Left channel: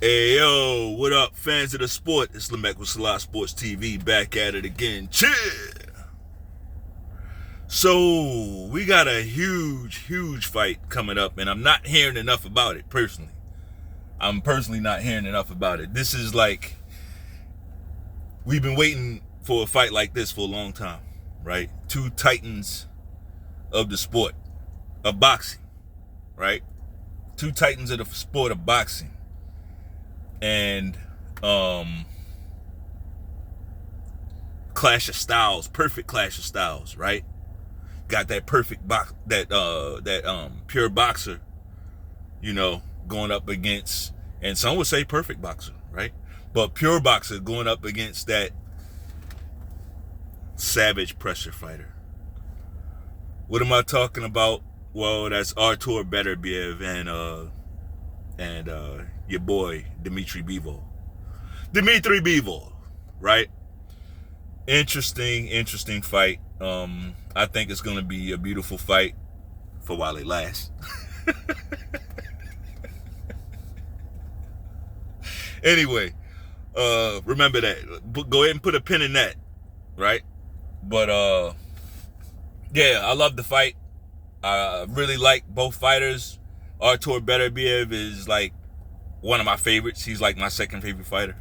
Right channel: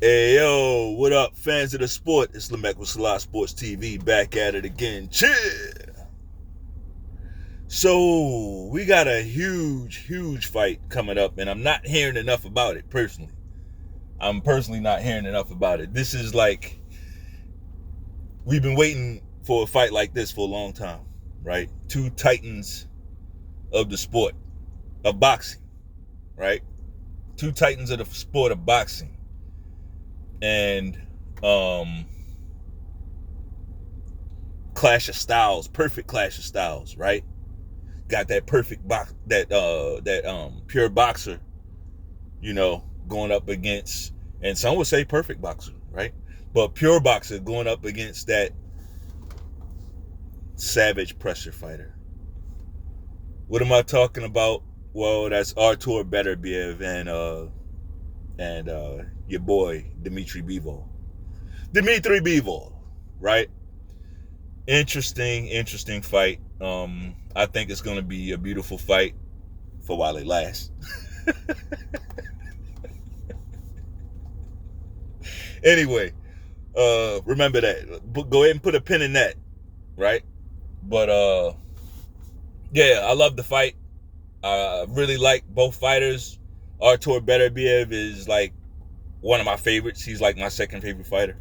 Hey yo, what up, fans of the sport? It's Lamech with selahsportstv, back at it again. Chill. So we got a huge fight coming up, and I'm not hearing enough about it personally. I'm personally not hearing enough about it. This is like we've been waiting for a fight like this for a long time, right? Two titans of the sport of boxing, right? Two titans of the sport of boxing. And clash of styles, perfect clash of styles, right? Got that perfect box, that pure boxer, going up against, and some would say perfect boxer, right? But pure boxer going up against that savage pressure fighter. What am I talking about? Well, that's Artur Beterbiev and your boy Dmitry Bivol. Dmitry Bivol, right? Interesting fight. I think it's gonna be a beautiful fight for while it lasts. Anyway, remember that. Go ahead and put a pin in that, right? But yeah, I love the fight. I really like both fighters. Artur Beterbiev is like one of my favorites. He's like my second favorite fighter.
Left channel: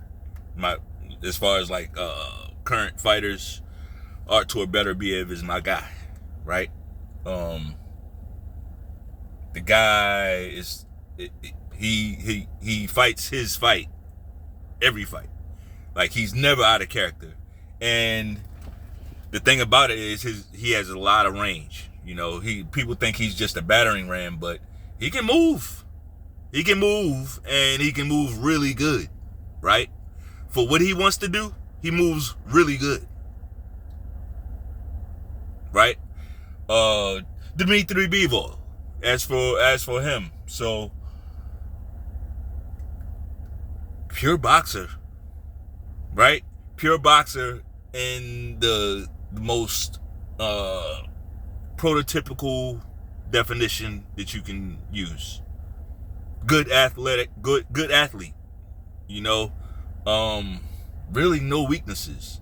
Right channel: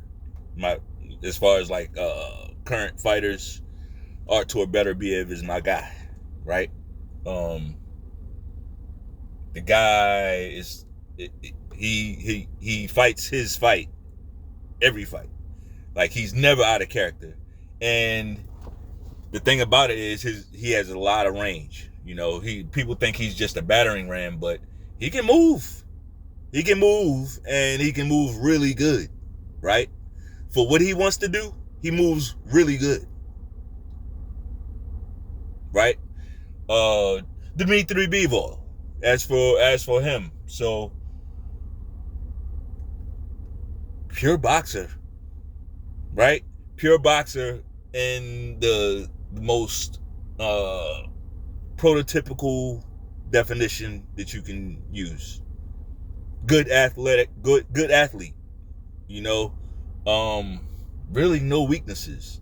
As far as like current fighters, Artur Beterbiev is my guy, right? The guy is he fights his fight every fight. Like, he's never out of character. And the thing about it is he has a lot of range. People think he's just a battering ram, but he can move. He can move, and he can move really good, right? For what he wants to do, he moves really good, right? Dmitry Bivol, as for him, so pure boxer, right? Pure boxer in the most prototypical definition that you can use. Good athlete. Really no weaknesses.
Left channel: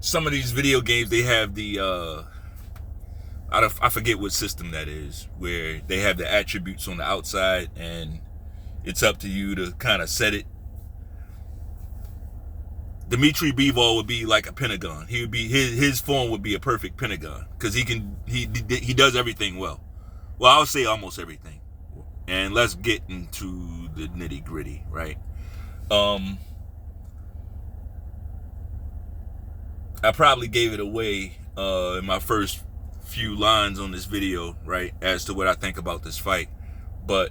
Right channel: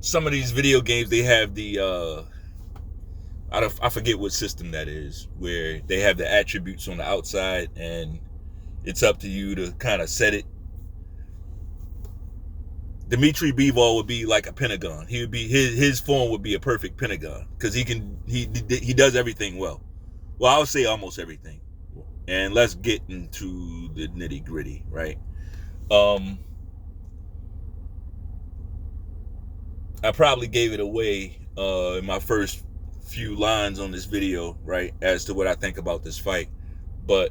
Some of these video games, they have the I forget what system that is, where they have the attributes on the outside and it's up to you to kind of set it. Dmitry Bivol would be like a pentagon. He would be his form would be a perfect pentagon, because he does everything well. Well, I would say almost everything. And let's get into the nitty gritty, right? I probably gave it away in my first few lines on this video, right, as to what I think about this fight. But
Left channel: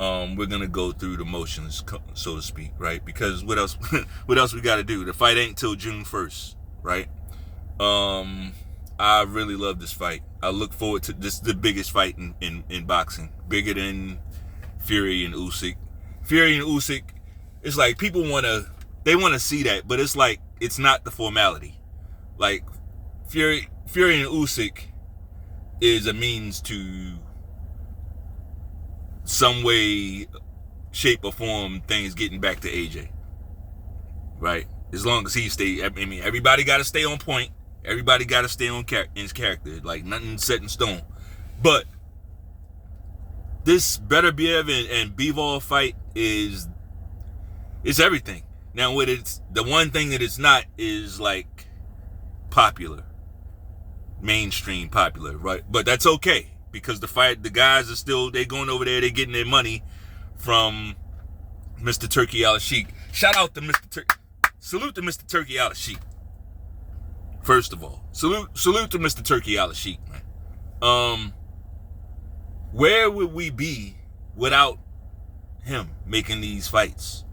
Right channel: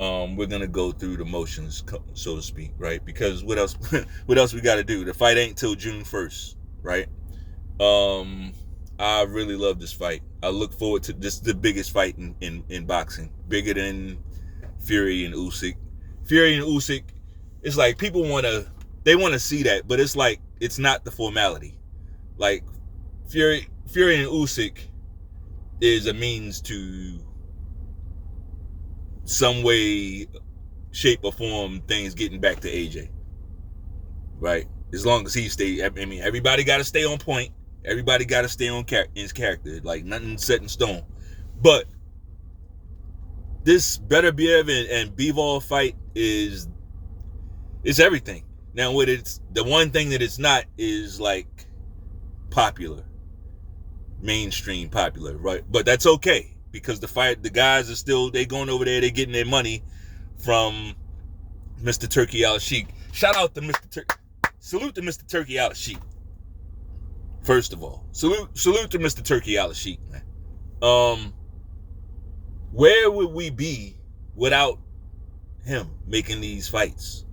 we're gonna go through the motions, so to speak, right? Because what else we got to do? The fight ain't till June 1st, right? I really love this fight. I look forward to this. The biggest fight in boxing, bigger than Fury and Usyk. Fury and Usyk, it's like people want to see that, but it's like it's not the formality. Like Fury and Usyk is a means to some way, shape, or form things getting back to AJ, right? As long as he stay, I mean, everybody got to stay on point. Everybody got to stay on his character. Like, nothing set in stone. But this Beterbiev and Bivol fight it's everything. Now, what it's the one thing that it's not is like popular, mainstream popular, right? But that's okay, because the guys are still, they going over there, they getting their money from Mr. Turkey Al-Sheikh. Shout out to Mr. Turkey. Salute to Mr. Turkey Al-Sheikh. First of all, salute to Mr. Turkey Al-Sheikh, man. Where would we be without him making these fights?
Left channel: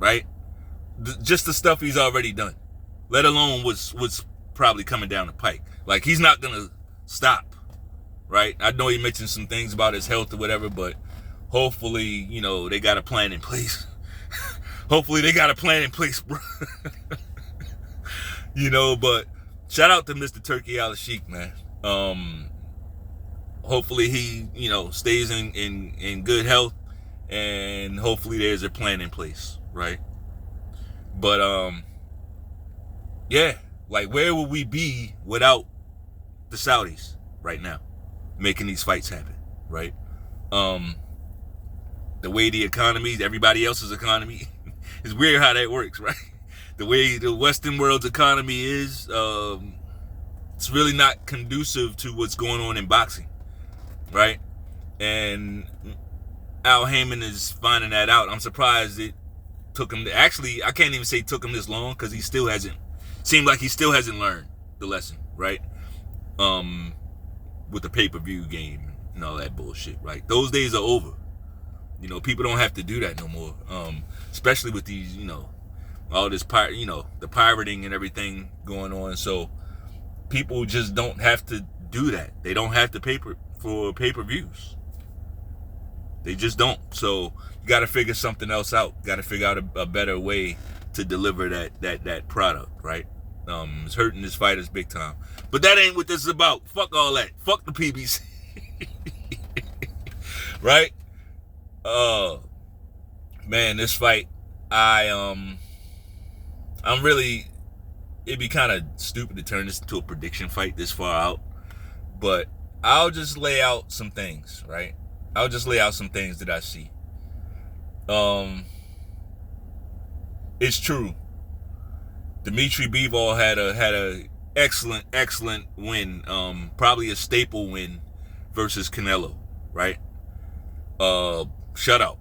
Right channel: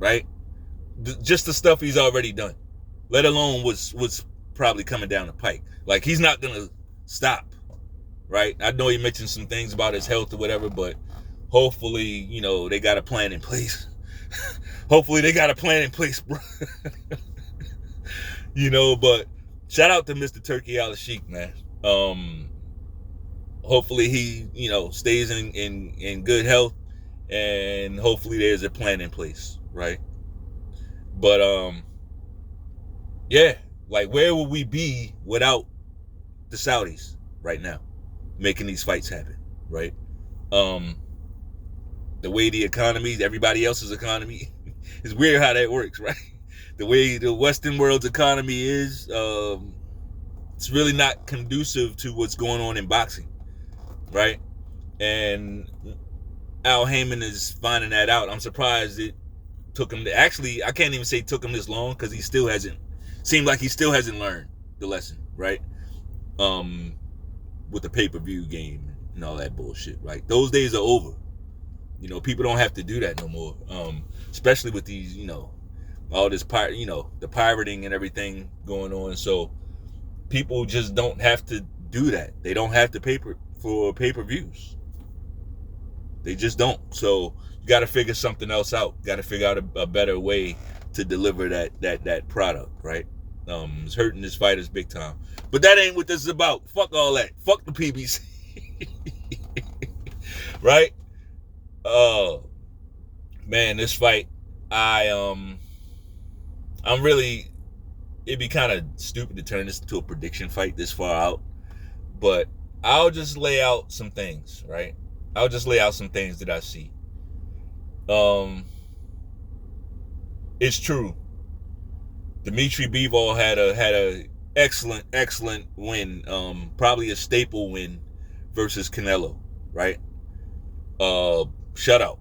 Right? Just the stuff he's already done, let alone what's probably coming down the pike. Like, he's not gonna stop, right? I know he mentioned some things about his health or whatever, but hopefully, they got a plan in place. Hopefully they got a plan in place, bro. But shout out to Mr. Turkey Al-Sheikh, man. hopefully he, stays in good health, and hopefully there's a plan in place, right? But yeah, like, where would we be without the Saudis right now making these fights happen, right? The way the economy, everybody else's economy, it's weird how that works, right? The way the Western world's economy is, it's really not conducive to what's going on in boxing, right? And Al Heyman is finding that out. I'm surprised it took him actually, I can't even say took him this long, because he still hasn't learned the lesson, right? With the pay-per-view game and all that bullshit, right? Those days are over. People don't have to do that no more. Especially with these, all this the pirating and everything going on. So people just don't have to do that. They don't have to pay for pay-per-views. They just don't. So you got to figure something else out. Got to figure out a better way to deliver that product, right? It's hurting his fighters big time. But that ain't what this is about. Fuck all that. Fuck the PBC. Right? Man, this fight, I'm really, it'd be kind of stupid to turn this into a prediction fight this far out, but I'll just lay out some things, right? I'll just lay out some things that I see. It's true. Dmitry Bivol had a excellent win, probably a staple win versus Canelo, right? Shutout.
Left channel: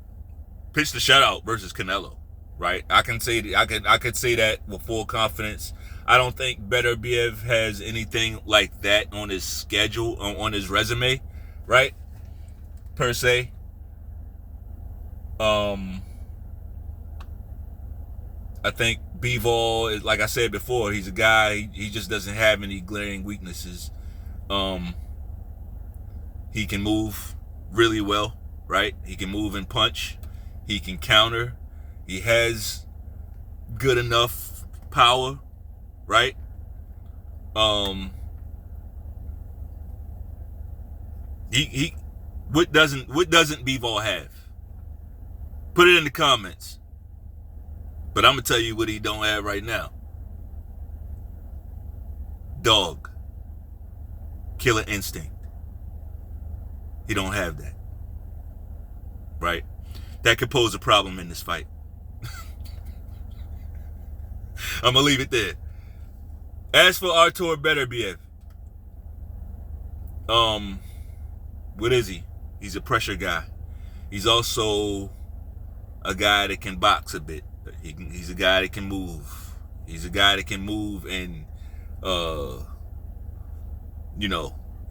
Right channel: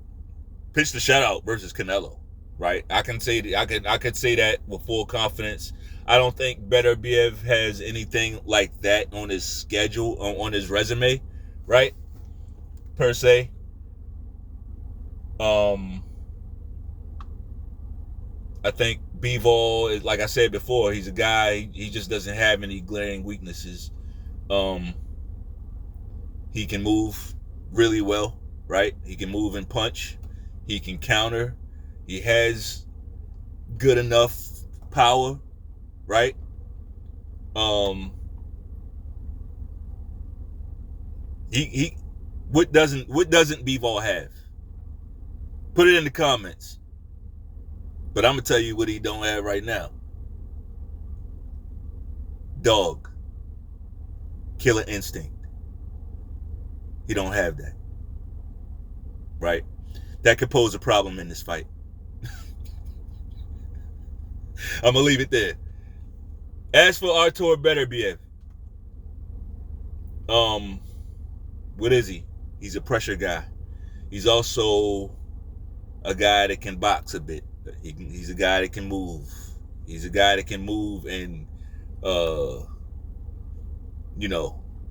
Pitched the shutout versus Canelo, right? I could say that with full confidence. I don't think Beterbiev has anything like that on his schedule, on his resume, right? Per se. I think Bivol is, like I said before, he's a guy, he just doesn't have any glaring weaknesses. He can move really well, right? He can move and punch. He can counter. He has good enough power, right? What doesn't Bivol have? Put it in the comments. But I'm gonna tell you what he don't have right now. Dog. Killer instinct. He don't have that. Right? That could pose a problem in this fight. I'm gonna leave it there. As for Artur Beterbiev, what is he? He's a pressure guy. He's also a guy that can box a bit. He's a guy that can move. He's a guy that can move and,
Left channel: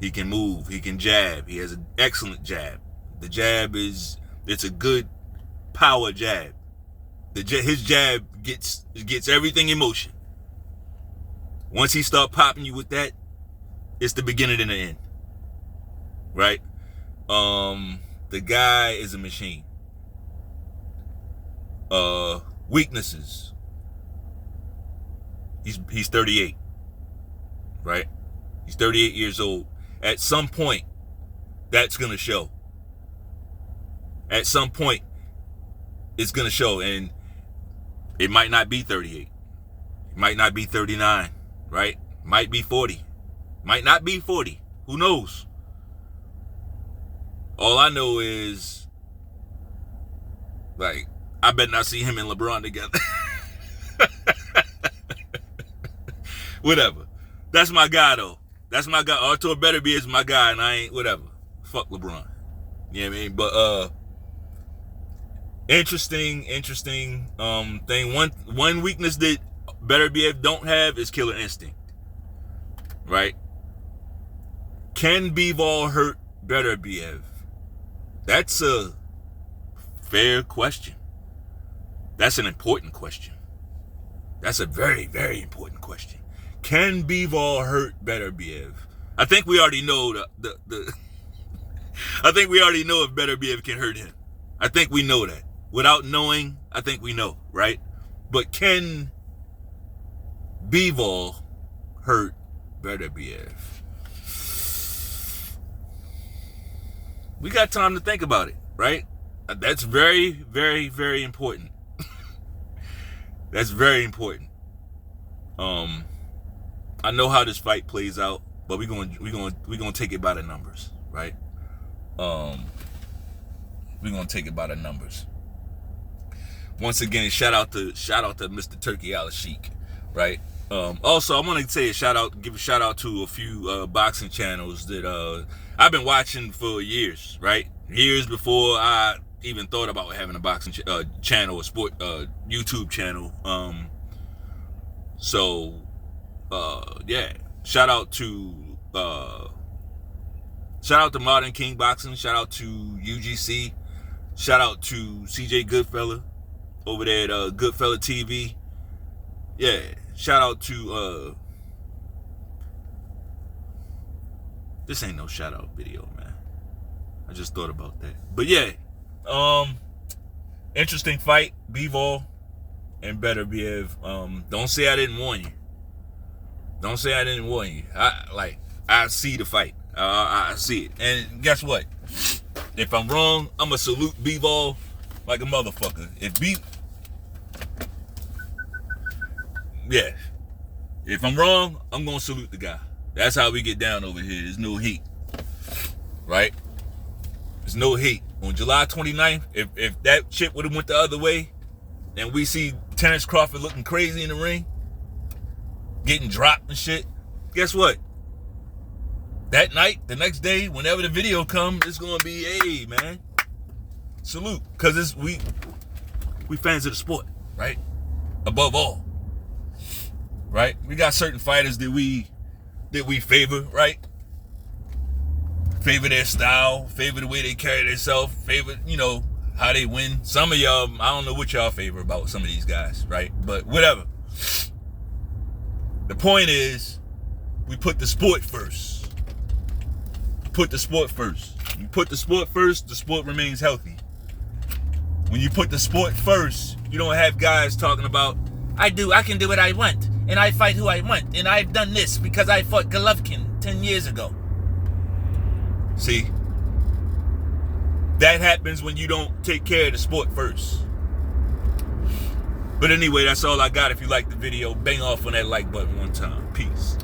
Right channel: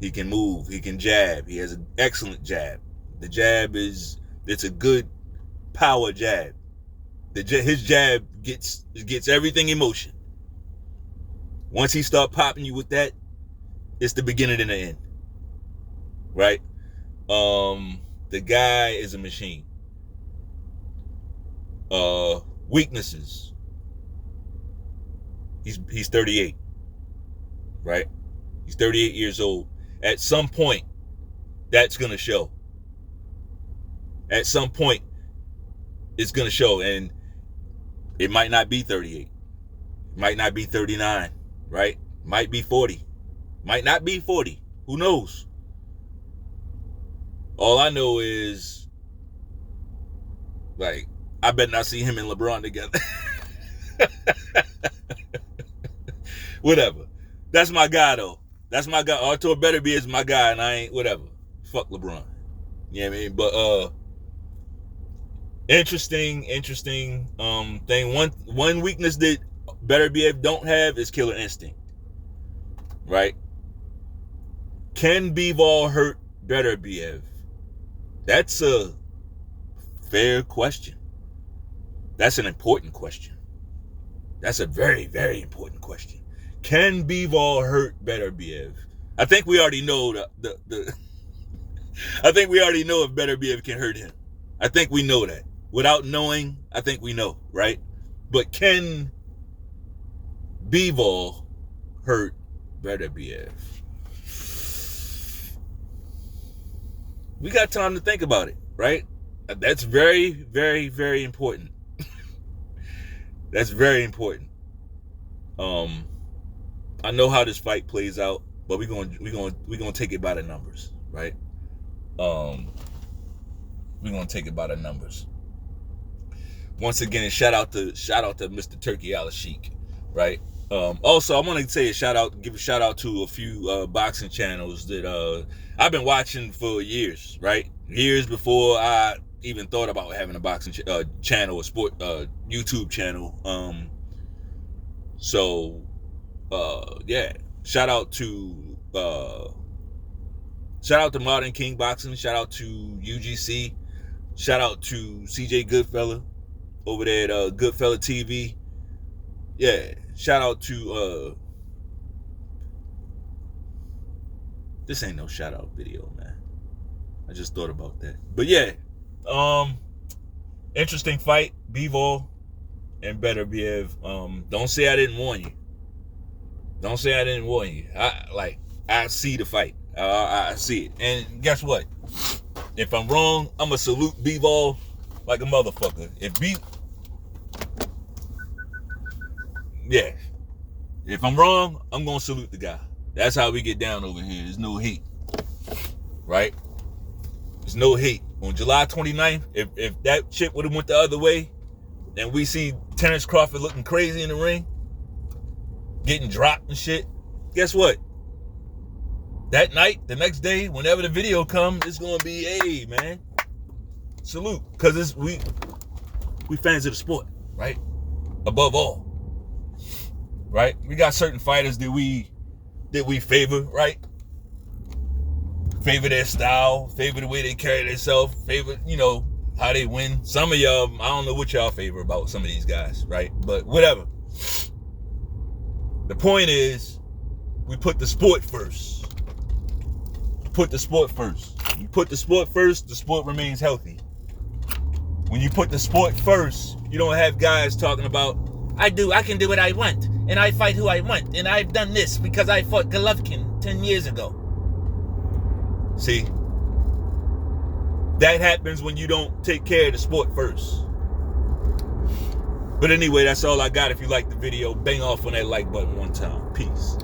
he can move. He can jab. He has an excellent jab. The jab it's a good power jab. His jab gets everything in motion. Once he start popping you with that, it's the beginning and the end. Right? The guy is a machine. Weaknesses. He's 38. Right? He's 38 years old. At some point, that's gonna show. At some point, it's gonna show, and it might not be 38. It might not be 39, right? Might be 40. Might not be 40. Who knows? All I know is, like, I bet not see him and LeBron together. Whatever. That's my guy, though. That's my guy. Artur Beterbiev is my guy, and I ain't whatever. Fuck LeBron. You know what I mean? But interesting thing. One weakness that Beterbiev don't have is killer instinct. Right? Can Bivol hurt Beterbiev? That's a fair question. That's an important question. That's a very, very important question. Can Bivol hurt Beterbiev? I think we already know I think we already know if Beterbiev can hurt him. I think we know that. Without knowing, I think we know, right? But can Bivol hurt Beterbiev? We got time to think about it, right? That's very, very, very important. That's very important. I know how this fight plays out, but we're gonna take it by the numbers, right? We're gonna take it by the numbers. Once again, shout out to Mr. Turkey Al-Sheikh, right? Also, I want to say give a shout out to a few boxing channels that I've been watching for years, right? Years before I even thought about having a boxing channel, a sport YouTube channel. Yeah, shout out to Modern King Boxing, shout out to UGC, shout out to CJ Goodfella over there at Goodfella TV. Yeah, shout out to this ain't no shout out video, man. I just thought about that. But yeah, interesting fight, Bivol and Beterbiev. Don't say I didn't warn you. Don't say I didn't warn you. I see the fight. I see it. And guess what? If I'm wrong, I'ma salute Bivol like a motherfucker. If I'm wrong, I'm gonna salute the guy. That's how we get down over here. There's no hate, right? There's no hate. On July 29th, if that shit would have went the other way, and we see Terrence Crawford looking crazy in the ring, getting dropped and shit, guess what? That night, the next day, whenever the video comes, it's gonna be, hey man, salute, because we fans of the sport, right? Above all, right? We got certain fighters that we favor, right? Favor their style, favor the way they carry themselves, favor, how they win. Some of y'all, I don't know what y'all favor about some of these guys, right? But whatever. The point is, we put the sport first. Put the sport first. You put the sport first, the sport remains healthy. When you put the sport first, you don't have guys talking about, I can do what I want, and I fight who I want, and I've done this because I fought Golovkin 10 years ago. See? That happens when you don't take care of the sport first. But anyway, that's all I got. If you liked the video, bang off on that like button one time. Peace.